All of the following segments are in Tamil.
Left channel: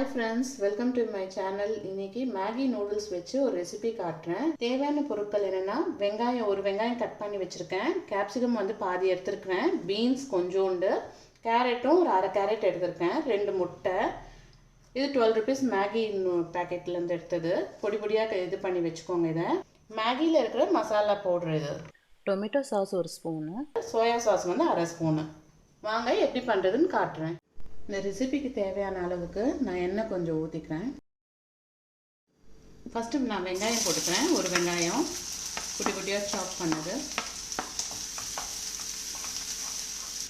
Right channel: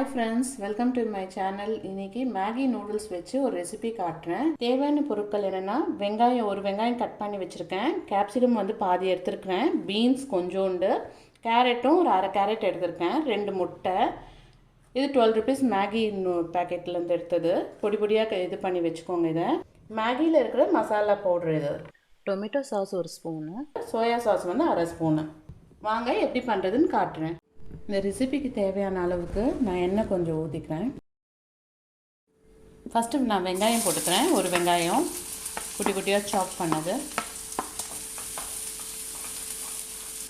Hi friends, welcome to my channel. இன்னைக்கு Maggie noodles வச்சு ஒரு ரெசிபி காட்டுறேன். தேவையான பொருட்கள் என்னன்னா ஒரு வெங்காயம் கட் பண்ணி வச்சிருக்கேன். கேப்சிகம் வந்து பாதி எடுத்துருக்கேன். பீன்ஸ் கொஞ்சோண்டு, கேரட்டும் ஒரு அரை கேரட் எடுத்திருக்கேன். 2 முட்டை. இது 12 rupees Maggie பேக்கெட்லேருந்து எடுத்தது. பொடி பொடியாக இது பண்ணி வச்சுக்கோங்க. இதை மேகியில் இருக்கிற மசாலா பவுடர் இது. டொமேட்டோ சாஸ் ஒரு ஸ்பூனு, சோயா சாஸ் வந்து அரை ஸ்பூனு. வாங்க எப்படி பண்ணுறதுன்னு காட்டுறேன். இந்த ரெசிபிக்கு தேவையான அளவுக்கு நான் எண்ணெய் கொஞ்சம் ஊற்றிக்கிறேன். ஃபஸ்ட்டு நான் வெங்காயம் போட்டுக்கிறேன். ஒரு வெங்காயம் குட்டி குட்டியாக சாப் பண்ணது.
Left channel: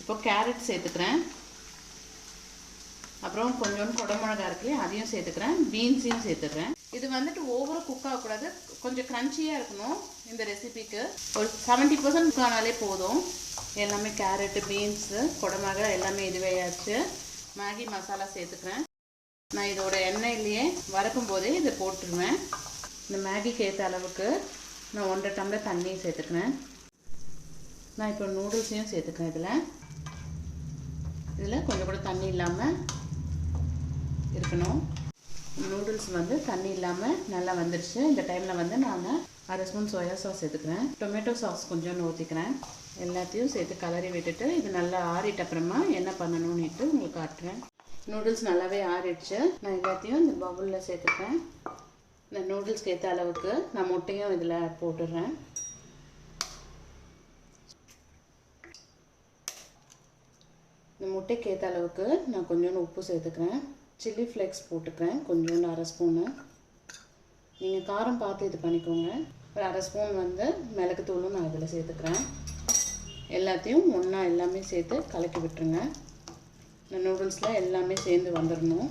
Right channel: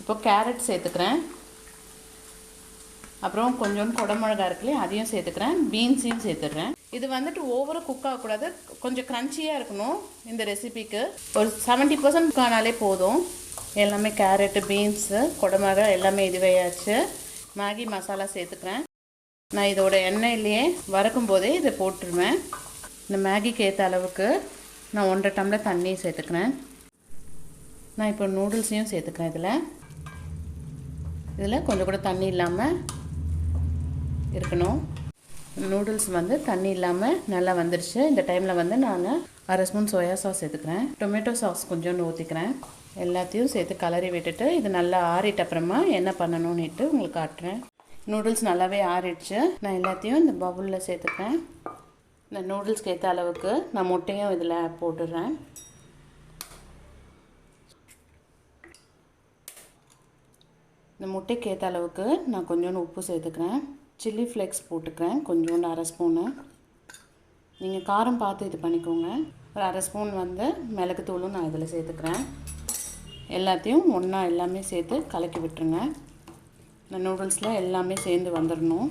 இப்போ கேரட் சேர்த்துக்கிறேன். அப்புறம் கொஞ்சோண்டு குடமிளகா இருக்குல்லையே அதையும் சேர்த்துக்கிறேன். பீன்ஸையும் சேர்த்துக்கிறேன். இது வந்துட்டு ஓவராக குக் ஆகக்கூடாது, கொஞ்சம் க்ரன்ச்சியாக இருக்கணும். இந்த ரெசிபிக்கு ஒரு 70% குக் ஆனாலே போதும். எல்லாமே கேரட்டு, பீன்ஸு, குடமிளகா எல்லாமே இதுவையாச்சு. மேகி மசாலா சேர்த்துக்கிறேன். நான் இதோட எண்ணெயிலேயே வறுக்கும் போதே இதை போட்டுருவேன். இந்த மேகிக்கு ஏற்ற அளவுக்கு நான் 1.5 டம்ளர் தண்ணி சேர்த்துக்கிறேன். நான் இப்போ நூடுல்ஸையும் சேர்த்துக்கிறேன். இதில் கொஞ்சம் கூட தண்ணி இல்லாமல் இருக்கணும். நூடுல்ஸ் வந்து தண்ணி இல்லாமல் நல்லா வந்துருச்சு. இந்த டைமில் வந்து நான் அரை ஸ்பூன் சோயா சாஸ் சேர்த்துக்கிறேன். டொமேட்டோ சாஸ் கொஞ்சோண்டு ஊற்றிக்கிறேன். எல்லாத்தையும் சேர்த்து கலரி விட்டுட்டு இது நல்லா ஆறிட்ட அப்புறமா என்ன பண்ணணும்னுட்டு உங்களுக்கு காட்டுறேன். நூடுல்ஸ் நல்லாவே ஆறிடுச்சு. நான் எல்லாத்தையும் இந்த பவுலில் சேர்த்துக்கிறேன். இந்த நூடுல்ஸ்க்கு ஏற்ற அளவுக்கு நான் முட்டையும் இதில் போட்டுடுறேன். இந்த முட்டைக்கு ஏற்ற அளவுக்கு நான் கொஞ்சோண்டு உப்பு சேர்த்துக்கிறேன். சில்லி ஃப்ளேக்ஸ் போட்டுக்கிறேன் கொஞ்சோண்டு அரை ஸ்பூனு. நீங்கள் காரம் பார்த்து இது பண்ணிக்கோங்க. ஒரு அரை ஸ்பூன் வந்து மிளகுத்தூளும் நான் இதில் சேர்த்துக்கிறேன். எல்லாத்தையும் ஒன்றா எல்லாமே சேர்த்து கலக்கி விட்டுருங்க. இந்த நூடுல்ஸில் எல்லாமே சேர்ந்து வந்துடணும்.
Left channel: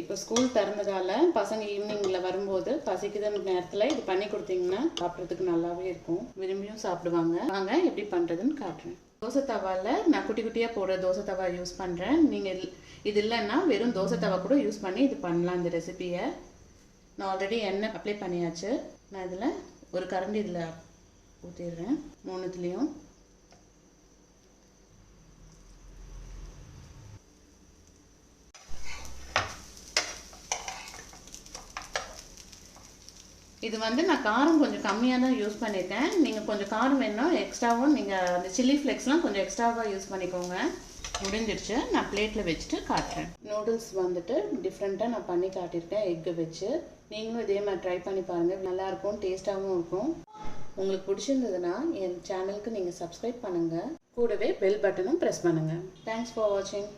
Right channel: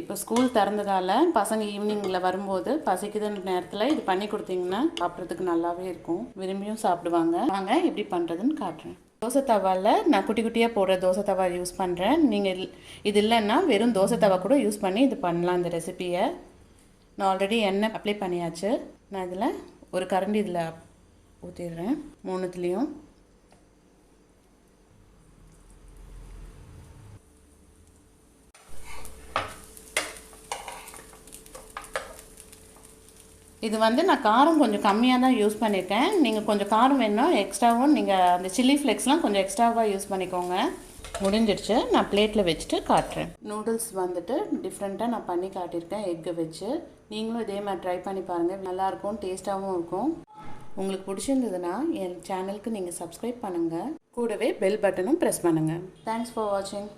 இப்போ ஸ்கூல் திறந்ததால் பசங்க ஈவினிங்கில் வரும்போது பசிக்குதுன்ற நேரத்தில் இது பண்ணி கொடுத்தீங்கன்னா சாப்பிட்றதுக்கு நல்லாவே இருக்கும். விரும்பியும் சாப்பிடுவாங்க. வாங்க எப்படி பண்ணுறதுன்னு காட்டுறேன். தோசை தவாவில் நான் குட்டி குட்டியாக போடுற தோசை தவா யூஸ் பண்ணுறேன். நீங்கள் இது இல்லைன்னா வெறும் தோசை தவா கூட யூஸ் பண்ணி இது பண்ணலாம். இந்த ரெசிப்பியை நான் ஆல்ரெடி எண்ணெய் அப்ளை பண்ணியாச்சு. நான் இதில் ஒரு கரண்டி இதில் ஊற்றிடுறேன். 3த்துலேயும் இது வந்து நான் காரம் கொஞ்சம் கம்மியாக தான் யூஸ் பண்ணியிருக்கேன். நீங்கள் கொஞ்சம் காரம் வேணும்னா எக்ஸ்ட்ராவும் நீங்கள் அந்த சில்லி ஃப்ளேக்ஸ்லாம் கொஞ்சம் எக்ஸ்ட்ராவாக யூஸ் பண்ணிக்கோங்க. முடிஞ்சிடுச்சு. நான் பிளேட்டில் வச்சுட்டு காட்டுறேன். நூடுல்ஸ் வந்துட்டு டிஃப்ரெண்ட்டாக நான் பண்ணி காட்டியிருக்கேன் எக்கை வச்சு. நீங்களும் இதே மாதிரி ட்ரை பண்ணி பாருங்கள். நல்லாயிருக்கும், டேஸ்ட்டாகவும் இருக்கும். உங்களுக்கு பிடிச்சிருந்ததுன்னா என் சேனலுக்கு நீங்கள் சப்ஸ்கிரைப் பண்ணுங்கள். கூடவே பெல் பட்டனும் ப்ரெஸ் பண்ணுங்கள். தேங்க்ஸ் ஃபார் வாட்சிங்.